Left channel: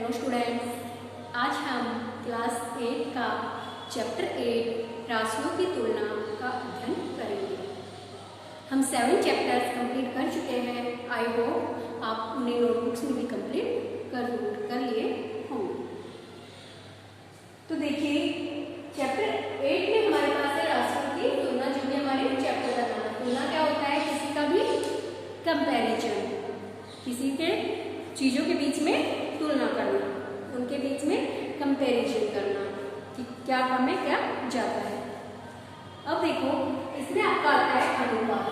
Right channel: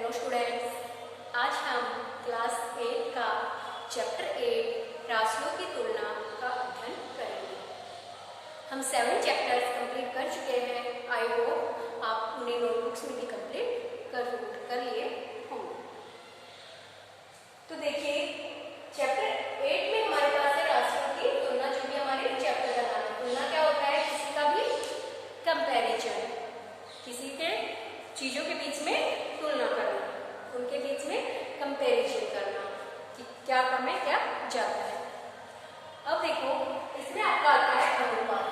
Hello students, आज हम class 8 का चैप्टर 8 राशियों की तुलना का अध्ययन करेंगे। हम 7 चैप्टर्स कंप्लीट कर चुके हैं। आई होप आप उन्हें नोटबुक्स में भी कंप्लीट कर लिए होंगे। तो देखिए, चैप्टर 8 में हमारे पास है राशियों की तुलना, जो भी हमारे चैप्टर का नाम है। तुलना क्या होता है? किसी का भी कंपैरिजन, किसी के चीजों के बीच में तुलना करना, उनके बीच में कंपैरिजन करना कि क्या कम है क्या ज्यादा है। अब देखो, इसमें आपका आता है अनुपात।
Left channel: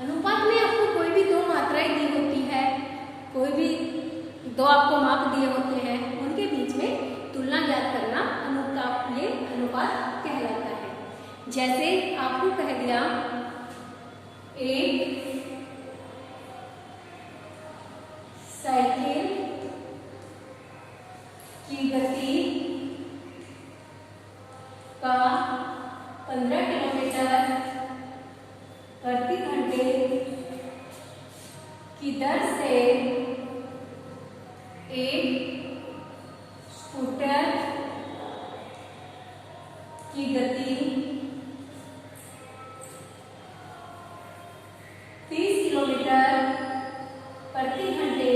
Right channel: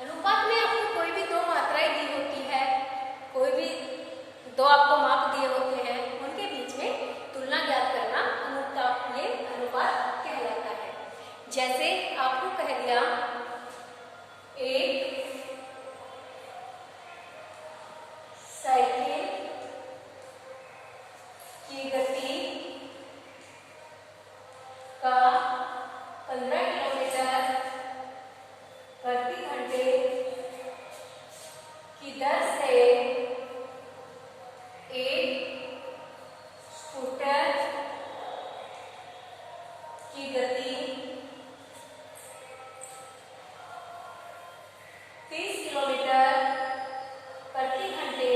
अनुपात में आपको कोई भी दो मात्राएं दी होती है, कोई भी दो आपको माप दिए होते हैं, उनके बीच में तुलना ज्ञात करना अनुपात, ये अनुपात कहलाता है। जैसे आपको कह दिया एक साइकिल की गति का 15 किलोमीटर प्रति घंटे की दर से एक स्कूटर की गति 30 किलोमीटर प्रति घंटे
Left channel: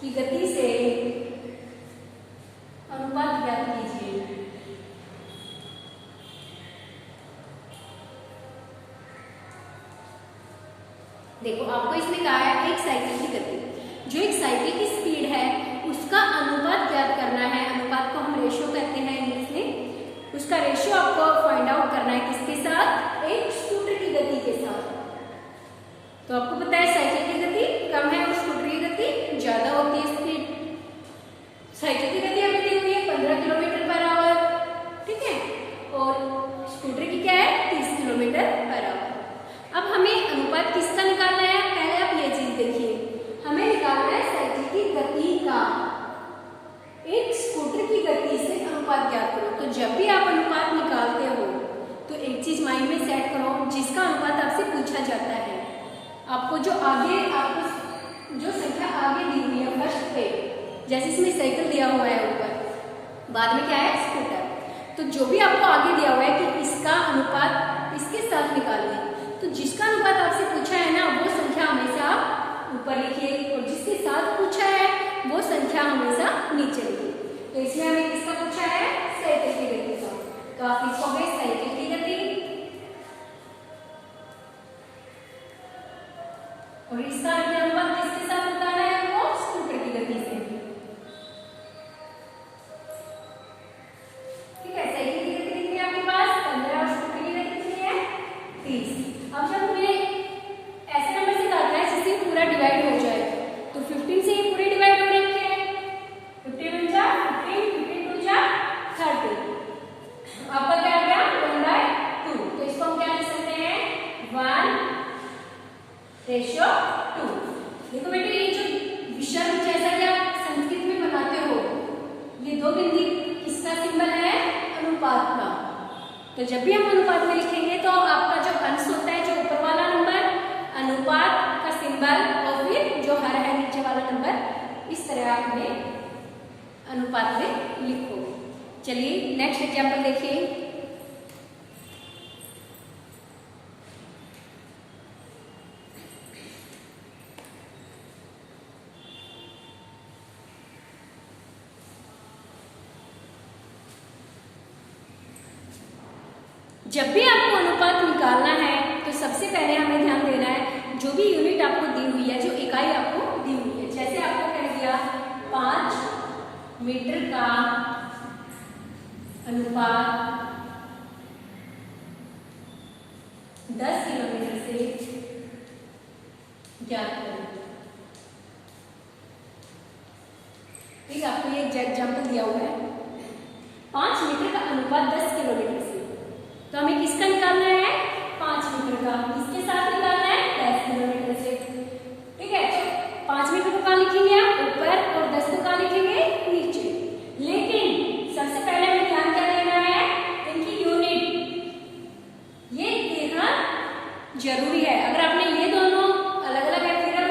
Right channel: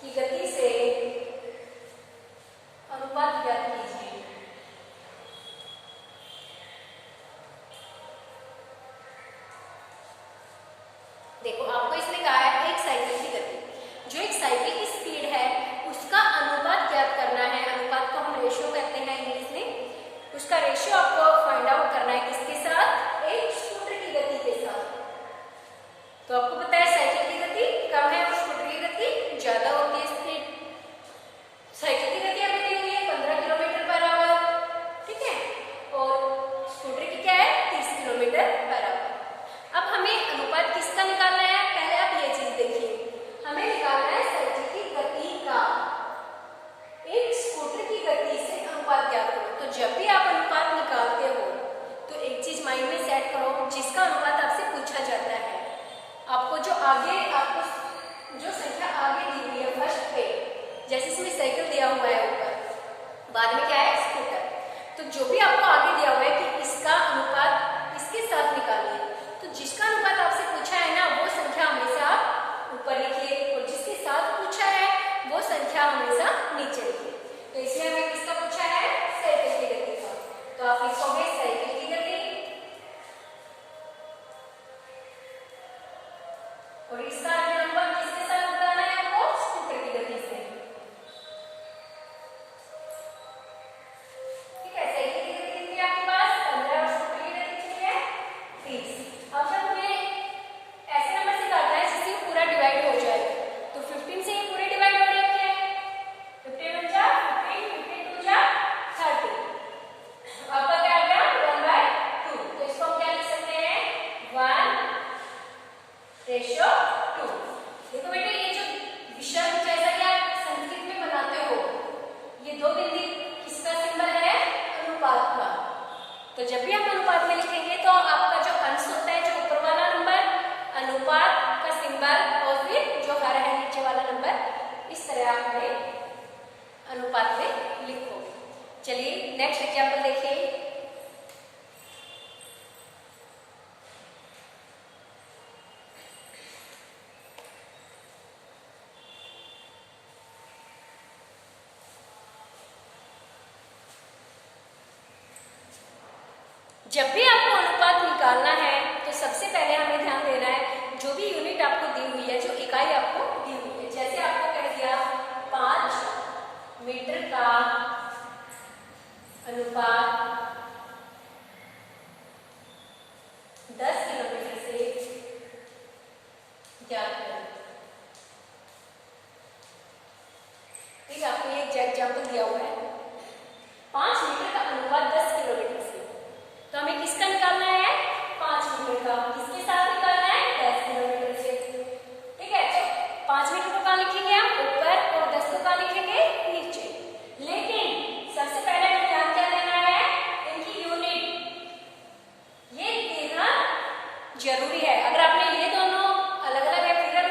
की गति से अनुपात ज्ञात कीजिए। देखो, आपको इसमें कहा है एक साइकिल की गति, जो एक साइकिल की स्पीड है उसका अनुपात ज्ञात करना है। अनुपात को हम रेशियो कहते हैं इंग्लिश में। उसका रेशियो आपको फाइंड आउट करना है किसके साथ? एक स्कूटर की गति के साथ। तो आपको पता है साइकिल की गति कम है और स्कूटर की गति ज्यादा होती है। स्पीड साइकिल की गति हमें दी हुई है 15 किलोमीटर पर आवर, ठीक है, और स्कूटर की क्या है? 30 किलोमीटर पर आवर। अब हमें अनुपात किसका निकालना है? पहले आप ये चीज देखिए, हमें निकालना है साइकिल की गति का एक स्कूटर की गति से अनुपात ज्ञात करो। तो जब भी आप अनुपात निकालते हो तो एक चीज माइंड में सेट करो, जिसका अनुपात आपसे पूछा जाता है, आपको जो आगे, आपको जो संख्या आगे दी हुई है फर्स्ट पे, जैसे इसमें साइकिल दिया हुआ है ऊपर, बाद में क्या है? स्कूटर। तो जो भी आपको आगे दिया हुआ है कि इसका अनुपात इसके साथ निकालिए, तो जिसका अनुपात आपसे पूछा है ना, वो संख्या हमेशा आप ऊपर लिखिए, और जिसके साथ पूछा है वो संख्या हमेशा नीचे लिखिए। तो इसमें हमें किसका पूछा है? साइकिल की गति का। तो आप लिखोगे साइकिल की गति, और इसका अनुपात किसके साथ बताना है आपको? स्कूटर की गति से। ठीक है, साइकिल की गति कितनी है आपके पास? 15, और स्कूटर की गति कितनी है? 30। अब जब हमें ऐसे नंबर से काटना है जिससे पूरा डिवाइड हो जाए, तो 15 से ये पूरे डिवाइड हो रहे हैं। 15 1 जा 15, 15 2 जा 30। आपका क्या आ गया? 1/2। तो इसको हम क्या लिख सकते हैं? 1:2। देखो बेटे, ये जो विषम जैसा कि आप संस्कृत में बनाते हो, ये दो बिंदी किसका सिंबल है? अनुपात का। तो जब भी हम अनुपात में लिखेंगे तो आपका जो अंश होता है, जो ऊपर वाला नंबर, अनुपात का सिंबल, और फिर जो हर है नीचे वाला नंबर, इस तरह आप हमें अनुपात में लिखोगे। चलिए नेक्स्ट एग्जाम्पल देखिए। जब भी आपको अनुपात निकालना है तो सबसे पहले हमें ध्यान देना है जो भी यूनिट आपको दी हुई है, जो इकाई आपको दी हुई है। जैसे आपको कह दिया 5 मीटर का अनुपात 10 किलोमीटर से ज्ञात करें। ठीक है, आपको ये एग्जाम्पल दिया हुआ है 5 मीटर का अनुपात 10 किलोमीटर से। तो हमें किसका निकालना है? 5 मीटर का। किसके साथ निकालना है? 10 किलोमीटर से। ठीक है, तो 5 मीटर को कहाँ लिखेंगे आप? ऊपर, और 10 को कहाँ लिखेंगे? नीचे। लेकिन सबसे पहले हमें ध्यान क्या देना है? इनकी यूनिट ये देना जरूरी है। अगर आपने ये दोनों अलग अलग फिगर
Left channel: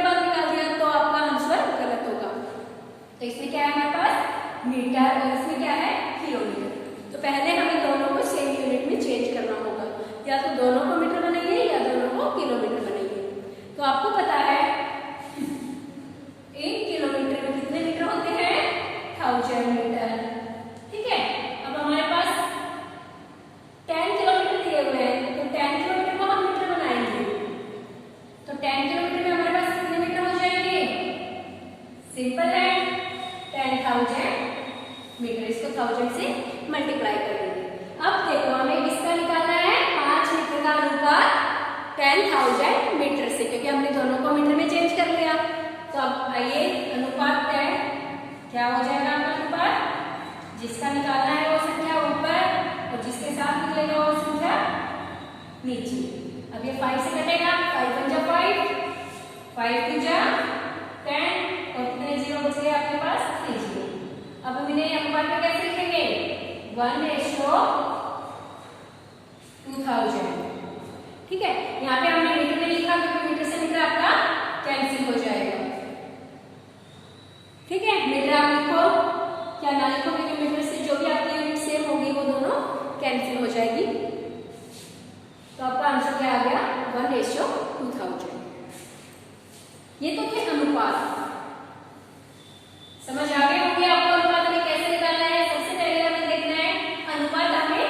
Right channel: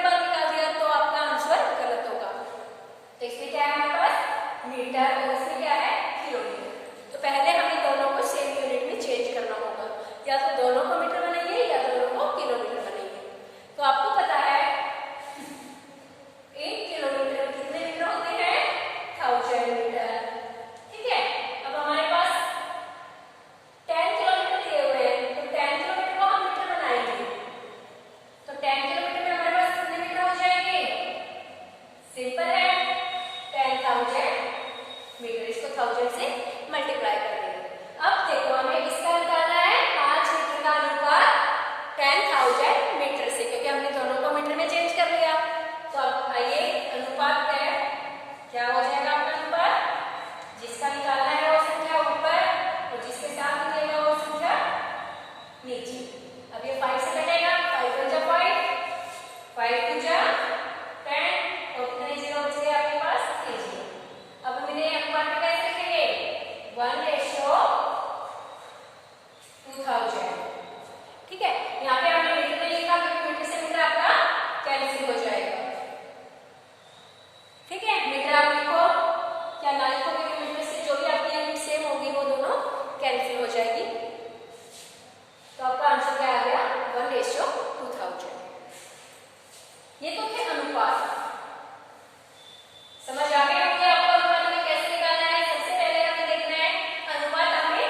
तो इसमें क्या है हमारे पास मीटर और इसमें क्या है किलोमीटर। तो पहले हमें दोनों को सेम यूनिट में चेंज करना होगा, या तो दोनों को मीटर बनाइए या दोनों को किलोमीटर बनाइए। तो आपको पता है 1 किलोमीटर में कितने मीटर होते हैं 1000 मीटर। ठीक है, अब हमारे पास 10 किलोमीटर दिए हुए हैं, तो 10 किलोमीटर को हम मीटर बनाएंगे। तो 10 किलोमीटर में हमारे पास कितने मीटर हो जाएंगे? सिंपल है, 10,000 मीटर। इसको 1000 से मल्टीप्लाई कर देंगे। अब देखो हमें किसका निकालना है, 5 मीटर का अनुपात 10,000 मीटर से, क्योंकि हमने दोनों को मीटर में चेंज कर लिया। तो अब आइए अनुपात क्या हो जाएगा आपका अनुपात, जिसका निकालना है वो संख्या ऊपर और जिसके साथ निकलेगा वो संख्या नीचे। अब ये 5 से कटेगा, 5 1 जा 5, 5 2 जा 10 और कितने जीरो बच गए आपके पास 3 जीरो। अब हम इन्हें अनुपात में कैसे लिखेंगे, 1:2000। ठीक है, यहाँ पे हमने मीटर में लिखा क्योंकि मीटर से मीटर आपका कैंसिल हो जाएगा। ठीक है, मीटर आप लिखो क्या ना लिखो, क्योंकि मीटर से जो भी आपकी यूनिट सेम होगी वो दोनों कैंसिल हो जाएगी। तो आपका आंसर क्या आ गया, 1:2000। ये तो थे अनुपात। समझ आ गए होंगे आपको अनुपात हमें कैसे निकालना है। सबसे पहले हमें देखना है अनुपात हमें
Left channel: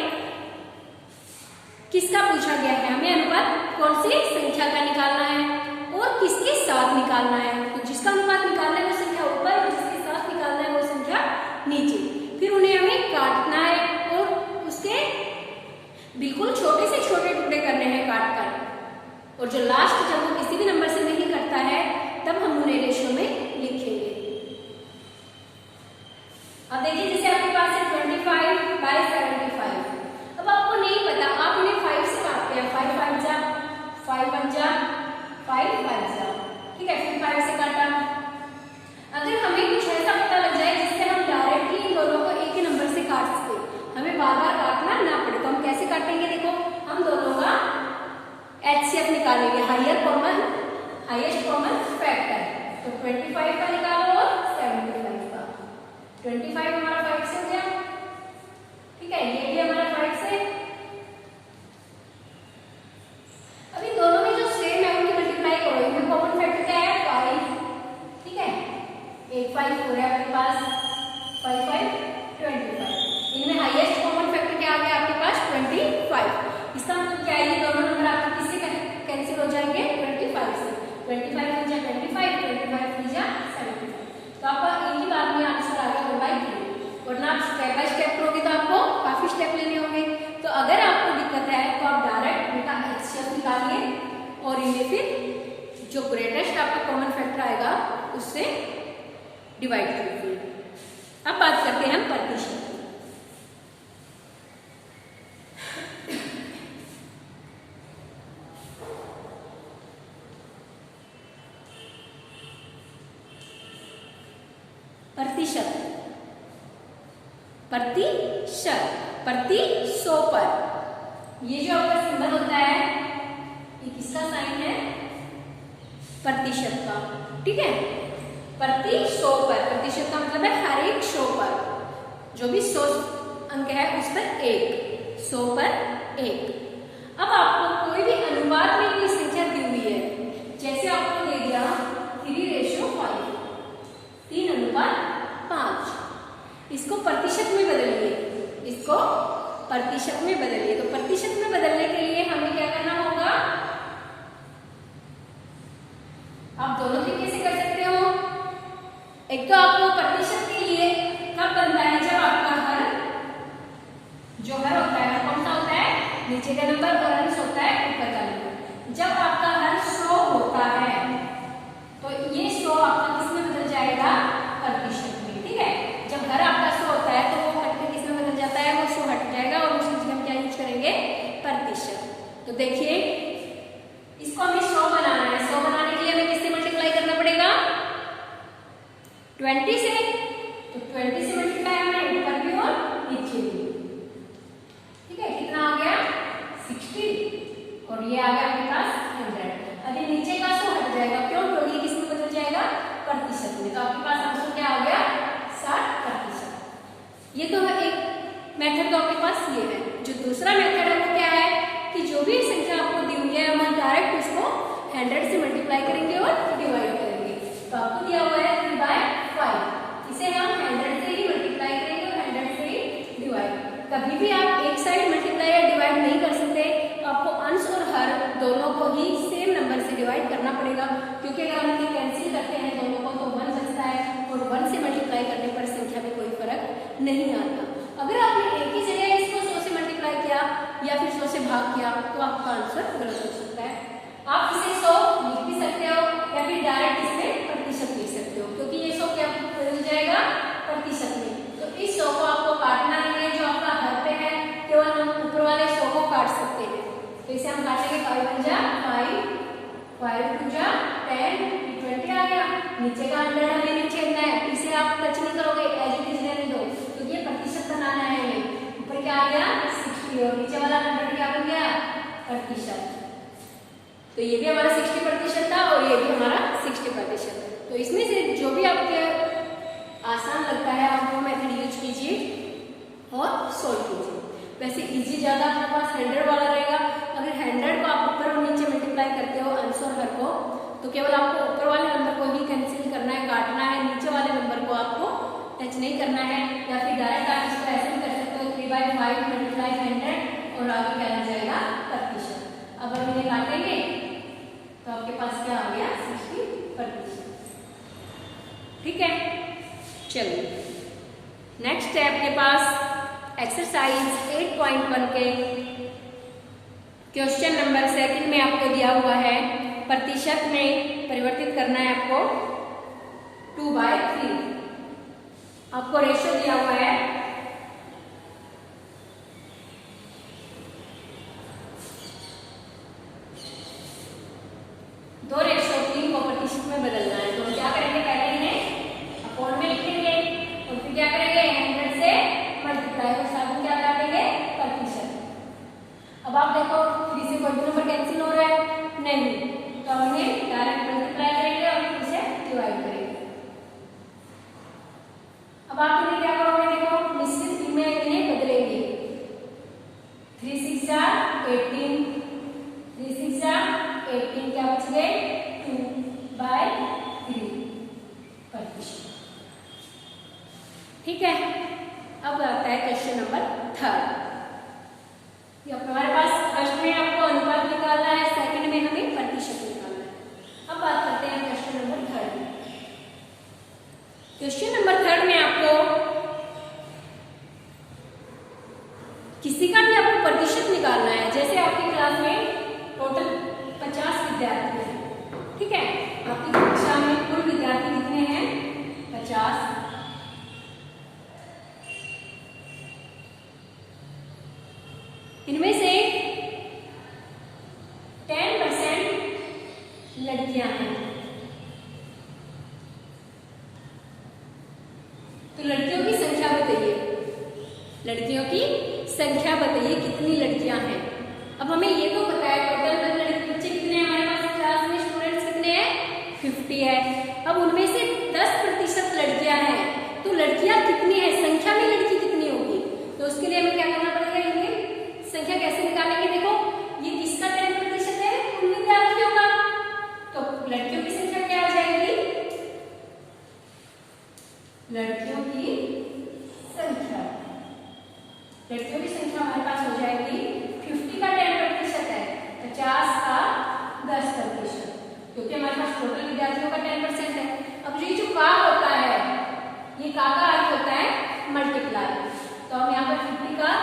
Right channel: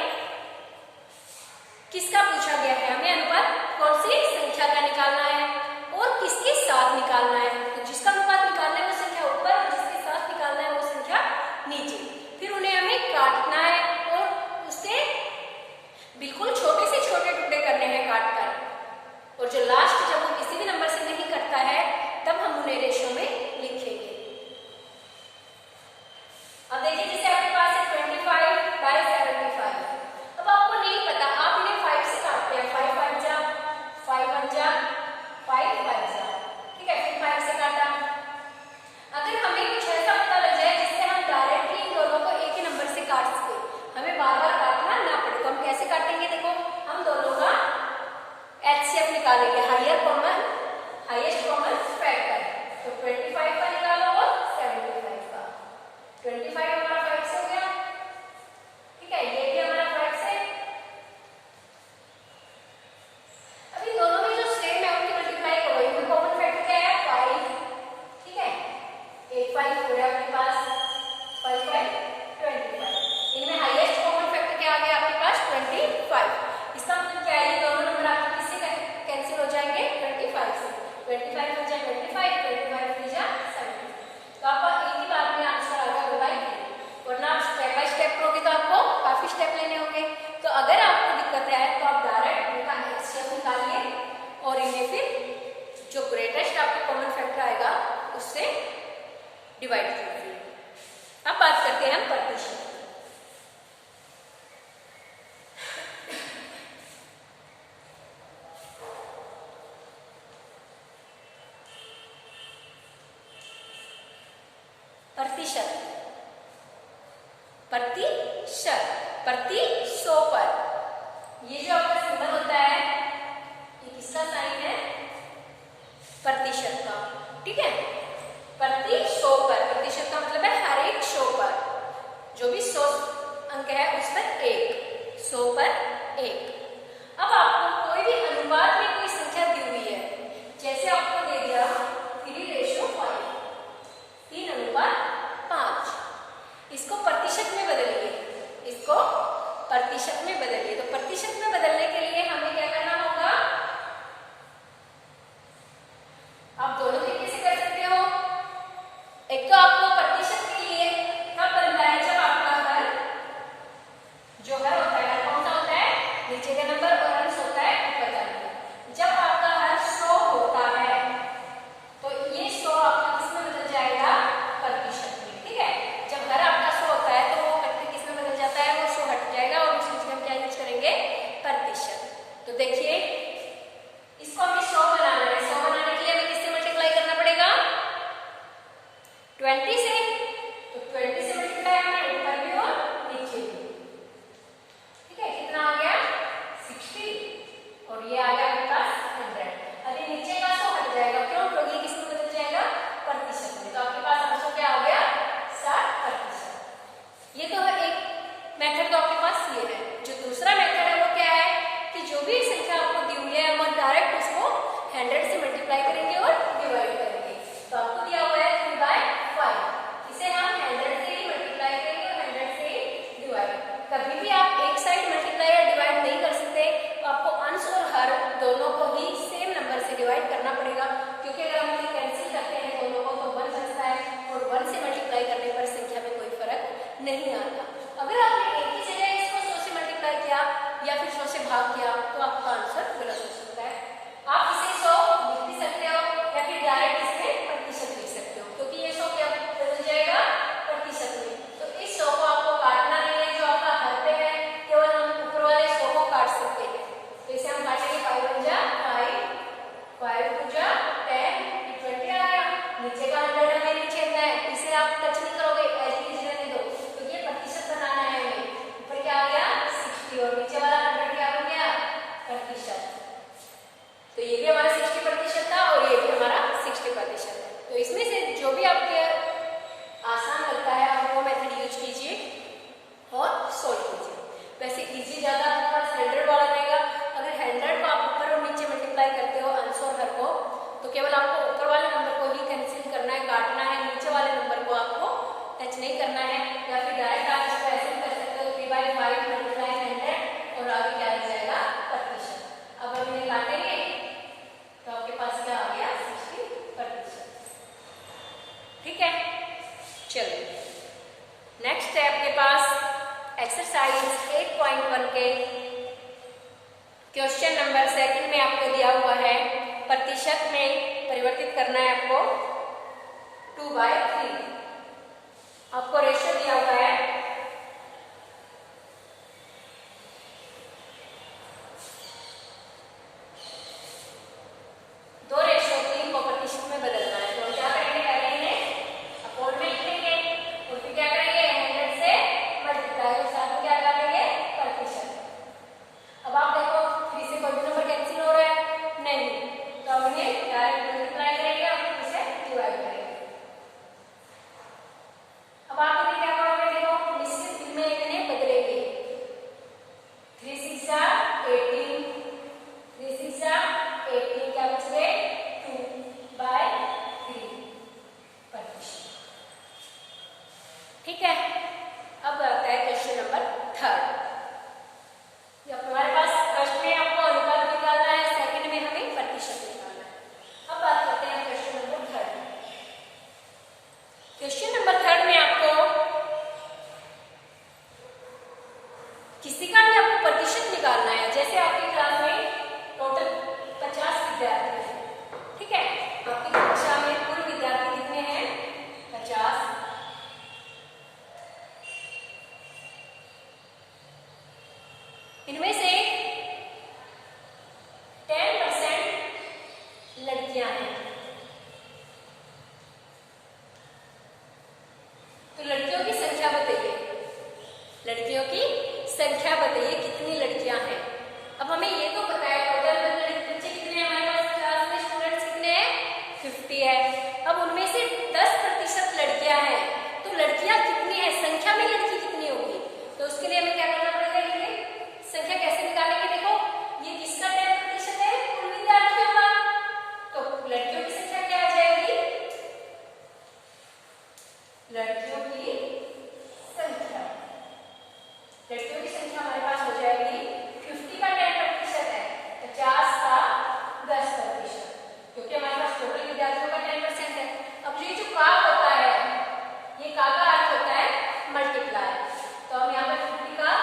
किसका पूछा गया है, हमें अनुपात कौन सी संख्या का निकालना है और किसके साथ निकालना है। तो जिसका अनुपात निकालना है वो संख्या ऊपर और जिसके साथ निकालना है वो संख्या नीचे। फिर उन्हें हमें काटना है और उसके बिल्कुल छोटे से छोटे टुकड़े करने हैं काट कर, और जो लास्ट जब वो किसी भी नंबर से नहीं करता है तब हम उन्हें रेशो में लिखेंगे। अब देखिए जैसे आपके पास है 25/75। अब आपको नहीं पता, आप उन्हें 5 से काटते हैं, 5 5 जा 5 1 जा 5 5 जा। ठीक है, फिर 5 से काटा। अगर हमें कुछ ऐसा पता लग जाए जिससे हम डायरेक्टली इन दोनों को एक ही नंबर से काट सके, हमें बार बार काटना ना पड़े, तो हम कैसे काटेंगे। देखो हम दोनों का HCF निकालेंगे, हाईएस्ट कॉमन फैक्टर। तो 25 का निकालो और 75 का। 25 हमारा 5 से हो गया। ठीक है, ये भी हमारा 5 से। अभी दोनों में जो सेम है उनकी मल्टीप्लाई करो, इनमें कॉमन फैक्टर क्या है 5। ठीक है, एक 5 हो रहा है आपके पास, 5 5 25। इनमें हाईएस्ट कॉमन फैक्टर क्या आ गया आपके पास 25। इसका मतलब क्या है, ये दोनों नंबर आपके किससे कैंसिल हो जाएंगे 25 से। 25 हो जाए 25, 25 हो जाए 75। तो आपका एक ही बार में आंसर आ गया बाई 3। वरना आप स्टेप बाय स्टेप करोगे तो आपको काफी स्टेप लेने होंगे। तो अगर आपको दिक्कत है तो आप डायरेक्ट इनका HCF निकालिए और इन्हें फिर जो ग्रेटेस्ट आपका कॉमन फैक्टर आएगा उससे डिवाइड कीजिए। अब बात करते हैं हम प्रतिशत। प्रतिशत, प्रतिशत, प्रति 100 पर, ये जो आपका सिंबल होता है ये किसका साइन है, प्रतिशत का। ठीक है, प्रति 100 पर, प्रतिशत का मतलब है हर एक 100 पर, जो भी 100 अंक है उस पर 1, 100 पर 1। अब आपको कोई भी अनुपात में कोई संख्या दी हुई है, जैसे आपको दे दिया 3:5, 3:5, इसको प्रतिशत में बदलिए, इसको प्रतिशत में बदलिए। तो प्रतिशत में बदलने के लिए हमें क्या करना होगा, आप दोनों तरीके से कर सकते हो। एक तो आपको प्रतिशत के लिए कब बनता है, जब आपका हर जो हर होता है कौन सा होता है, नीचे का नंबर, और अंश होता है ऊपर का नंबर। जब आपका हर 100 होता है तो ये 100 आपका किस में बदल जाएगा, प्रतिशत में। ठीक है, जब हर आपका 100 होता है तो वो फैक्टर किस में बदल जाता है, वो 100 हट जाएगा और उसी चीज हम क्या यूज करेंगे, प्रतिशत। तो देखिए इसको हमें 100 बनाना है, 100 बनाने के लिए हमें किससे मल्टीप्लाई करना पड़ेगा, 20 से। तो 20 से मल्टीप्लाई हमें ऊपर भी और नीचे भी। ठीक है, कितना आ गया 60 और ये आ गया आपके पास 100। अभी नीचे का 100 हट जाएगा, क्यों, क्योंकि किस में बदल जाएगा, प्रतिशत में। तो आपके पास आंसर क्या आ गया? 60%। ये तो एक मेथड तो आपके पास ये है। जो दूसरा मेथड है वो क्या है कि जो भी संख्या आपको दी हुई है हम डायरेक्ट उसको 100 से मल्टीप्लाई करेंगे और डिवाइड करेंगे। तो आपको दिया हुआ है 3/5, इसे हम 100 से ही मल्टीप्लाई करेंगे और 100 से ही डिवाइड। कभी भी आप एक साइड मल्टीप्लाई या डिवाइड नहीं कर सकते, तो आपको अंश और हर दोनों को ही सेम नंबर से डिवाइड करना पड़ेगा, क्योंकि अगर हम इन्हें कैंसिल करते हैं दोनों को तो 1 बचता है और 1 से मल्टीप्लाई करने पर संख्या में कोई फर्क नहीं आता। अगर आपने एक ही जगह इसको 100 से मल्टीप्लाई किया या फिर 100 से भाग किया तो आपका आंसर गलत हो सकता है। आप इसे 100 लिख भी सकते हो या फिर डायरेक्ट इसमें प्रतिशत लिख सकते हो, क्योंकि ये 100 क्या बदल जाएगा प्रतिशत में। तो इस 100 को आपको काटना नहीं है जो आपका हर पे है, केवल हम ऊपर वाले 100 को काट सकते हैं। तो इसे हम काटेंगे 5 बन जा 5, 5 2 जा 10, 20 आ गया। नीचे का 100 हमें नहीं छेदना है, इसे आप टच नहीं करोगे, एज इट इज रहने दो, तो ये प्रतिशत बनाना है हमें। ऊपर क्या आ गया 60 और नीचे वाला 100 क्या बन गया प्रतिशत। तो ये भी हमारा 60% था और ये भी हमारा 60% है। तो इसमें से जो भी आपके आसान लगता है आप वो मेथड यूज कीजिए और सोल्व कीजिए। वैसे इजी ज्यादा आपके पास 100 वाला रहेगा। अगर 100 को आप ऊपर और नीचे मल्टीप्लाई करते हो अंश और हर को, तो केवल आपको ऊपर वाले नंबर को ही कैंसिल करना है, काटना है, नीचे वाले नंबर को आपको टच नहीं करना है। या फिर डायरेक्ट आप इसको ऐसे भी कर सकते हो 3/5 मल्टीप्लाई 100 और आगे क्या लग जाएगा प्रतिशत। अब हम इन्हें काटेंगे तो आपके पास क्या आ गया 60%। ठीक है, चलिए नेक्स्ट है आपके पास एक्सरसाइज 8.1 के क्वेश्चन नंबर 2 में आपको दिया हुआ है प्रतिशत में परिवर्तित करना है आपको 2/3। आपको रेशियो दिया हुआ है 2:3 को प्रतिशत में बदलना है। तो क्या करेंगे, पहले इन्हें अपॉन में लिखेंगे और फिर क्या करेंगे 100 से मल्टीप्लाई और साथ में क्या लगा देंगे प्रतिशत। अब आप देखो 3 से कोई भी नंबर कैंसिल हो रहा है नहीं, तो हम इन्हें डायरेक्ट मल्टीप्लाई करेंगे और फिर इसे डिवाइड करेंगे। अब आप इन्हें क्या करोगे, देखो निश्चित में इन्हें बदलेंगे। 3 6 18, 3 6 18 क्या बच गए 2/3 प्रतिशत। ठीक है, अब आता है क्वेश्चन नंबर 3। हमारे पास फर्स्ट में आपको अनुपात निकालना है, सेकंड में हमें प्रतिशत निकालना है। अब बात करते हैं क्वेश्चन नंबर 3। क्वेश्चन नंबर 3 में आपको किसी का भी आपको प्रतिशत निकालना है। जैसे आपकी क्लास में टोटल 50 विद्यार्थी हैं, ठीक है, आपकी कक्षा में कुल विद्यार्थी कितने हैं 50। इनमें से 10% लड़कियां हैं। तो लड़कियों की संख्या बताइए, लड़कियों की संख्या बताइए कितनी लड़कियां हैं। अब हमें ये तो पता है टोटल बच्चे कितने हैं हमारे पास क्लास में, स्टूडेंट्स कितने हैं 50 है। अब उनमें से 10% लड़कियां हैं, तो लड़कियां कितनी है, संख्या में लड़की कितनी होगी। तो उसके लिए हमें क्या करना पड़ेगा, ये संख्या कैसे निकालेंगे। देखो ये किसका 10% है, कुल विद्यार्थियों का, तो लड़कियों की संख्या क्या आ जाएगी, लड़कियों की संख्या, लड़कियों की संख्या हमारे पास हो जाएगी 50 का 10% है, 50 का 10%, क्योंकि हमारे पास टोटल विद्यार्थियों का 10% है। अब ये जो का होता है, ये का अर्थ होता है मल्टीप्लाई। तो हम यहाँ पर 50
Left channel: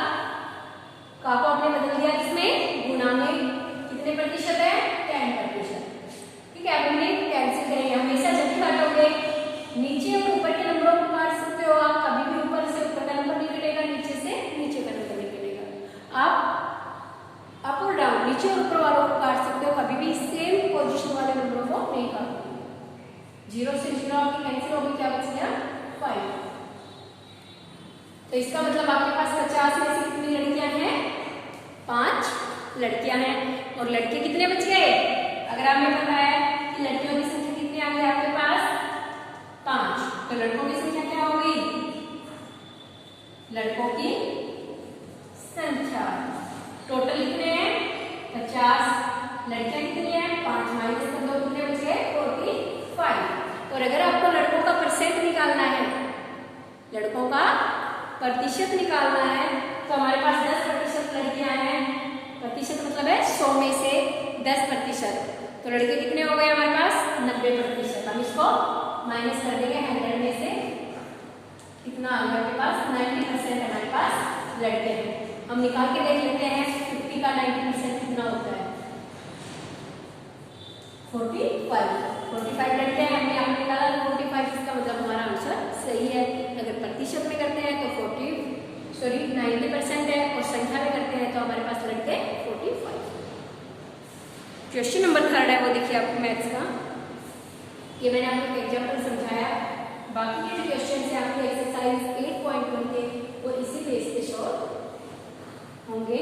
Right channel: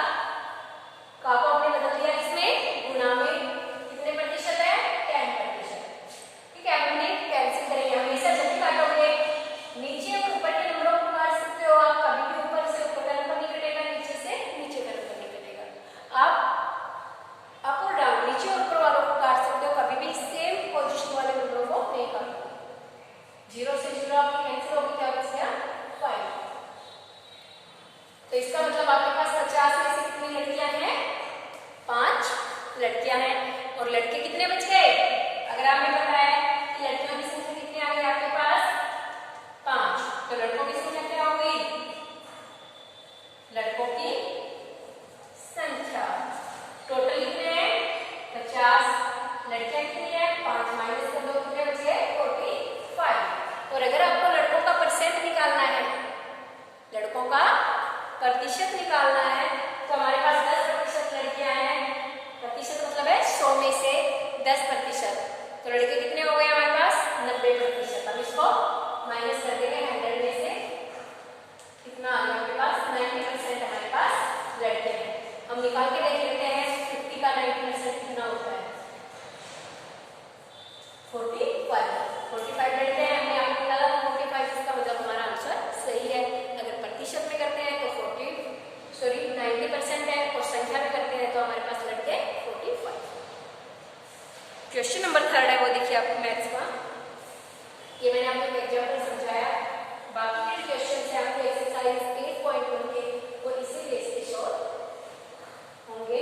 का को आपने बदल दिया इसमें गुणा में, कितने प्रतिशत है 10%। ठीक है, अब इन्हें कैंसिल करेंगे। हमेशा जब भी काटोगे नीचे और ऊपर के नंबरों को काट सकते हो आप, कभी भी ऊपर से ऊपर का नंबर नहीं कटेगा, नीचे से नीचे का नंबर नहीं कटेगा। आप अप और डाउन नीचे और ऊपर वालों को काट सकते हो, कभी भी सेम पोजीशन वाले नंबरों को नहीं काटोगे। 0 से 0 आपकी कैंसिल होगी, क्या बच गया 5। तो इसका मतलब आपके पास 50 में से कितनी लड़कियां हैं 5 लड़कियां हैं, और लड़के कितने बच गए। अगर हमें पता है कि लड़कियों की संख्या कितनी आ गई आपके पास तो लड़कों की संख्या क्या हो गई, लड़कों की संख्या टोटल कितने हैं 50, लड़कियां कितनी है 5 माइनस कर दो कितने बचे 45। और अगर आपको लड़कों का परसेंट निकालना है, लड़कों का प्रतिशत निकालना है, तो हमारे पास 10% लड़कियां हैं, प्रतिशत मतलब है 100 में से 10%, तो लड़के कितने हो गए हमारे पास 90%। हम इसको माइनस कर देंगे 100 में से, कितना आ गया आपके पास 90% हमारे पास लड़के हैं। हम निकाल के देख लेते हैं 50 का 90% कितना होता है 45 लड़के हैं, हमने यहाँ पे निकाला तो 45, इसका मतलब हमारा आंसर सही है। अगर प्रतिशत में करते हैं तो 90% है, और संख्या में करते हैं तो हमारे पास लड़के 45। क्वेश्चन नंबर 3 है वो देखिए आपको मैथ्स का, ये मैंने आपको एक एग्जाम्पल समझाया, बाकी के जो क्वेश्चन है आपकी एक्सरसाइज 8.1 के वो इसी बेस पे शोर होंगे।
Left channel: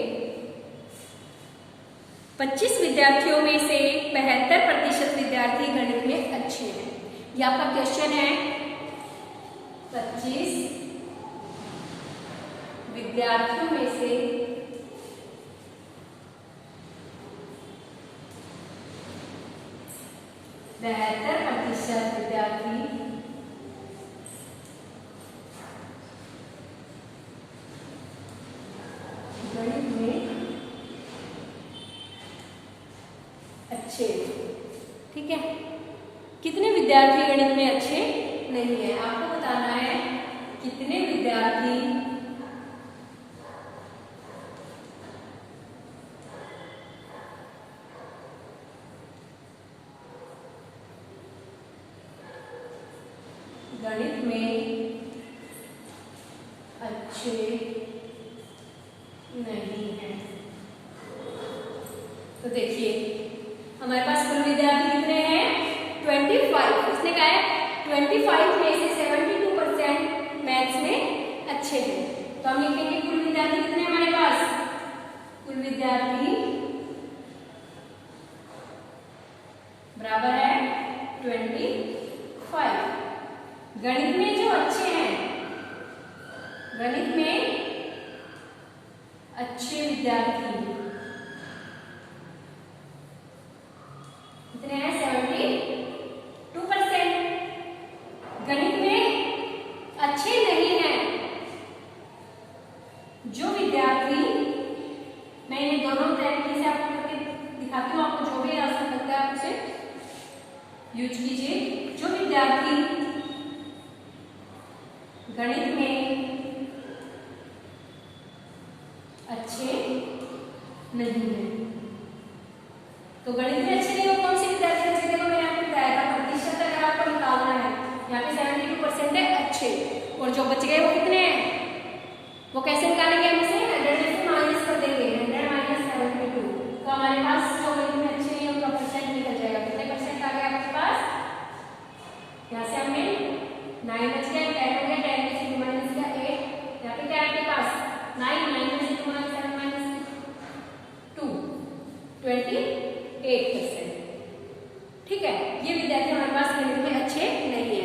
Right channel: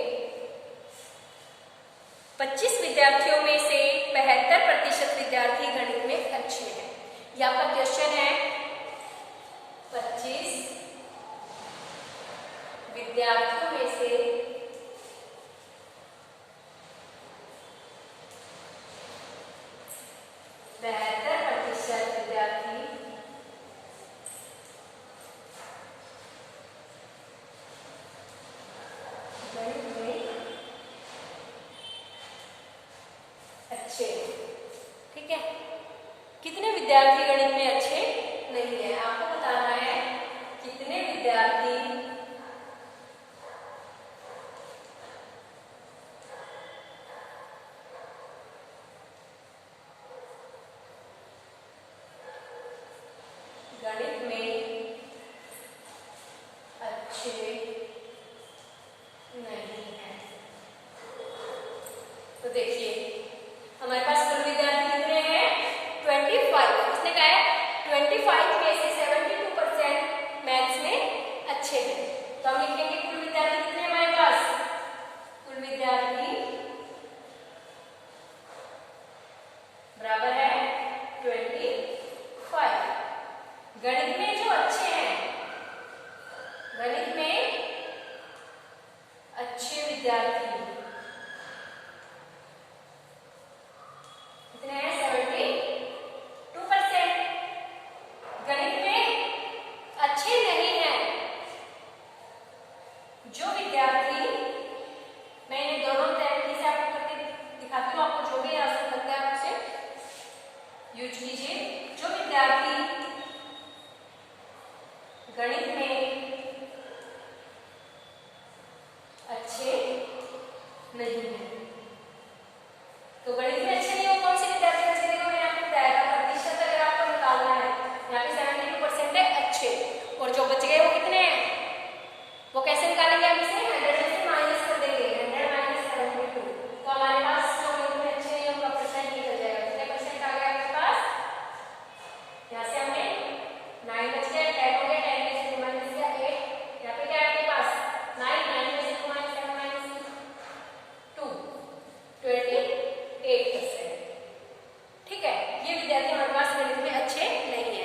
25 विद्यार्थियों में से 72% विद्यार्थी गणित में अच्छे हैं। ये आपका क्वेश्चन है, 25 विद्यार्थियों में से 72% विद्यार्थी गणित में अच्छे, ठीक है। कितने विद्यार्थी गणित में अच्छे नहीं है, आपको बताना है कितने विद्यार्थी गणित में अच्छे नहीं है। तो देखिए हमारे पास कुल विद्यार्थी कितने हैं 25, इसने कहा है 25 में से 72% मैथ्स में अच्छे हैं, तो हम लिखेंगे कुल विद्यार्थी कितने हमारे पास, कुल विद्यार्थी बराबर है 25। गणित में जो अच्छे हैं, गणित में अच्छे विद्यार्थी कितने हैं 72%। गणित में अच्छे नहीं हैं जो विद्यार्थी, मैं इन्हें दोनों तरीके से आपको दिखाती हूँ, आपको जो भी आसान लगता है उसे यूज कीजिए। जो विद्यार्थी गणित में अच्छे नहीं है, तो गणित में अच्छे नहीं हो कौन से विद्यार्थी अच्छे, देखो मैंने आपको बताया था प्रतिशत अगर आपको निकालना है, यहाँ पे 72% है अच्छे, और जो बच गए वो कितने हैं, वो कैसे निकालेंगे, हम इसे 100 में से माइनस कर देंगे, 100 माइनस 72, तो हमारे पास जो गणित में अच्छे नहीं उनका परसेंट निकल जाएगा। कितने परसेंट आ गया आपके पास, यहाँ से हमने 9 बच गया, 10 हो गया, 10 में से 2 माइनस किया 8, यहाँ पे क्या है आपके पास 9 में से 2 माइनस 7 माइनस 2 28%, ठीक है। ये विद्यार्थी हमारे पास गणित में अच्छे नहीं है,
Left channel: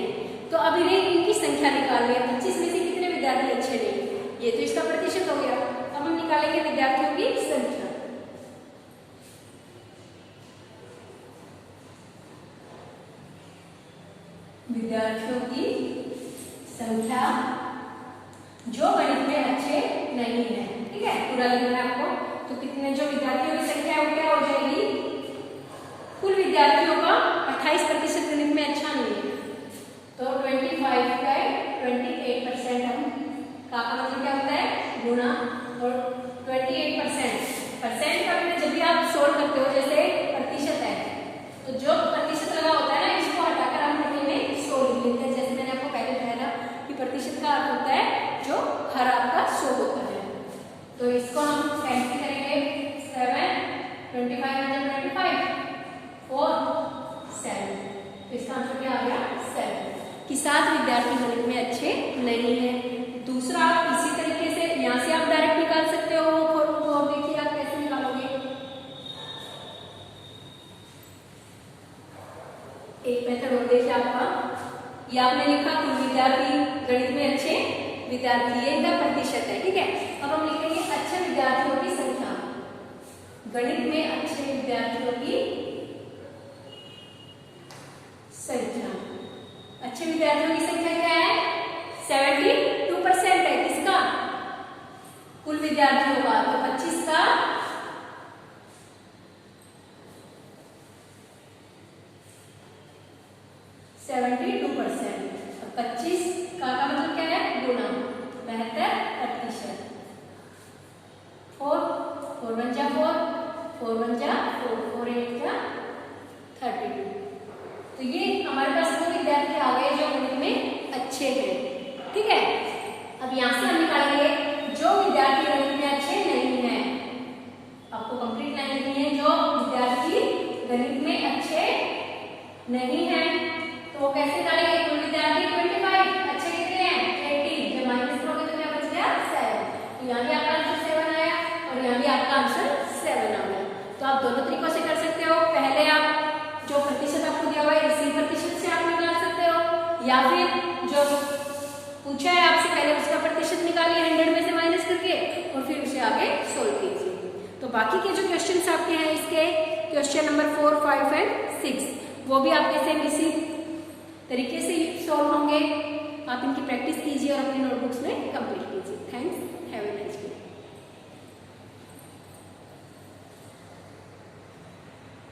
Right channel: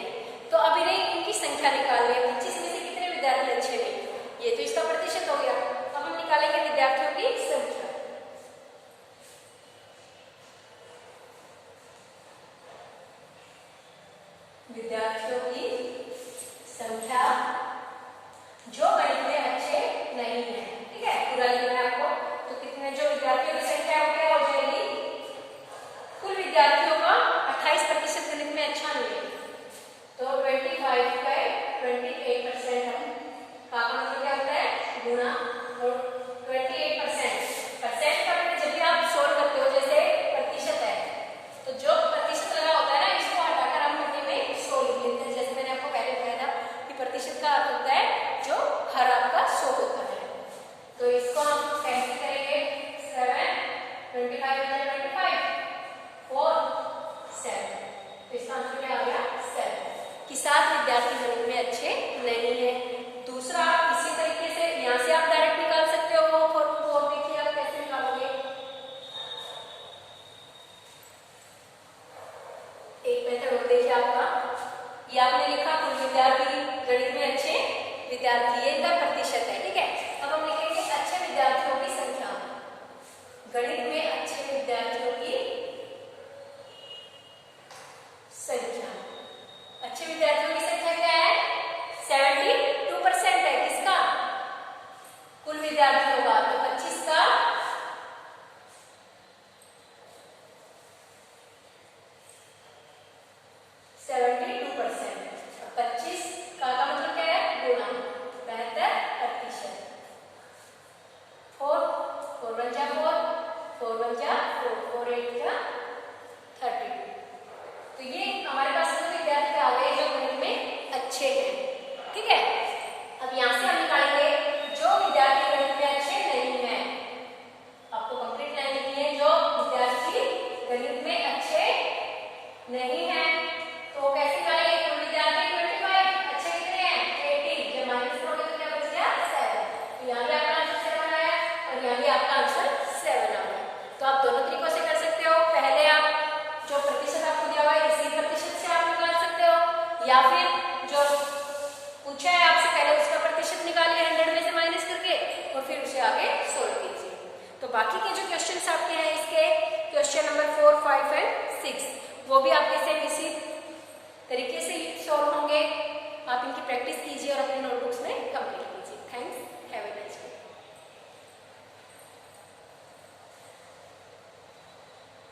तो अब इनकी संख्या निकाल लें, 25 में से कितने विद्यार्थी अच्छे नहीं, ये तो इसका प्रतिशत हो गया। अब हम निकालेंगे विद्यार्थियों की संख्या, विद्यार्थियों की संख्या जो गणित में अच्छे नहीं है, ठीक है, पूरा लिखना है आपको। तो कितने जो विद्यार्थियों की संख्या है वो क्या हो जाएगी, कुल विद्यार्थियों का 28% गणित में अच्छा नहीं है, तो 25 का 28% हम का मतलब क्या होता है गुणा, और 28% का मतलब जब भी आप सोल्व करते हो, जैसे प्रतिशत है तो जो प्रतिशत लगा होता है ना इसको हटाकर हम रखेंगे 100 लिखते हैं, जैसे मैंने आपको पहले बताया था कि प्रतिशत का अर्थ होता है जो हर आपका 100 होता है। तो इसको हम कैसे करेंगे, 7 25 और 7, तो इसका आंसर क्या आ गया 7 कि 7 विद्यार्थी गणित में अच्छे नहीं है। दूसरा इसी तरीके से यहाँ से आप डायरेक्ट निकाल सकते हो, और देखिए आप कैसे निकालोगे, एक मेथड हो देखिए आपका ये आपने लिखा कुल विद्यार्थी, गणित में अच्छे विद्यार्थी, ये इनका प्रतिशत है, ठीक है। अब हम लिखेंगे अच्छे विद्यार्थियों की संख्या, गणित में अच्छे विद्यार्थियों की संख्या। अच्छे विद्यार्थियों की संख्या क्या है? 72% है, किसका? कुल विद्यार्थियों का। तो 25 का 72%, और 25 का मतलब क्या है? गुणा 72%। 4 4 1 जा 4, 4 1 जा 4, 4 8 जा 32। तो ये हमारे पास वो विद्यार्थी आ गए जो गणित में अच्छे हैं, ठीक है। अब यहां से हम निकालेंगे जो विद्यार्थी गणित में अच्छे नहीं हैं। आपको कंप्लीट लाइन लिखनी है, जो विद्यार्थी गणित में अच्छे नहीं हैं। तो वो कैसे निकालेंगे? कुल विद्यार्थी 25, अच्छे कितने हैं? 80, जब माइनस करोगे तो क्या बच गया? 7। तो यहाँ भी आपका आंसर 7 आया और यहाँ भी आपका आंसर 7 आ गया। तो आप दोनों तरीकों से कर सकते हो। पहले आप जो प्रतिशत आपको दिया हुआ है इसी प्रतिशत से आप निकाल सकते हो, या फिर जो पूछा है आपसे पहले उसका प्रतिशत निकालिए 100 में से माइनस करके और फिर उसे आगे सोल्व कीजिए। तो बाकी के जो क्वेश्चंस आपके हैं इसके क्वेश्चन नंबर 4, 5 एंड 6 वो भी आपके सेम इसी तरीके से सॉल्व होंगे। आप इनकी प्रैक्टिस कीजिए और अपनी नोटबुक्स में कंप्लीट कीजिए। Thanks, have a nice day.